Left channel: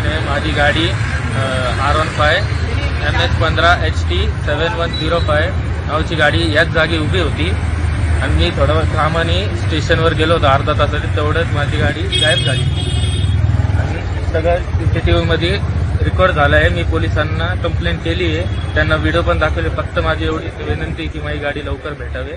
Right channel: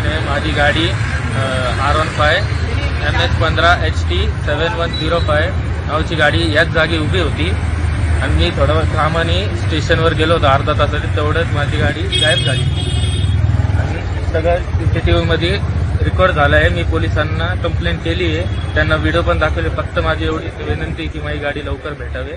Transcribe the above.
चव्हाण आहे. माझी गाडी R15 MH15 HT 7105 नावाची गाडी याच जागी उभी होती आणि मी थोडं कामाने स्टेशनवर गेलो होतो अर्धा तासासाठी. तेवढंच माझी गाडी गायब झाली आणि सगळं CCTV मध्ये रेकॉर्ड झालं आहे. मी पोलिसांना कंप्लेंट केली आहे, त्यांना व्हिडिओ पण दाखवले. फक्त माझी एवढी विनंती की माझी गाडी लवकर भेटावी.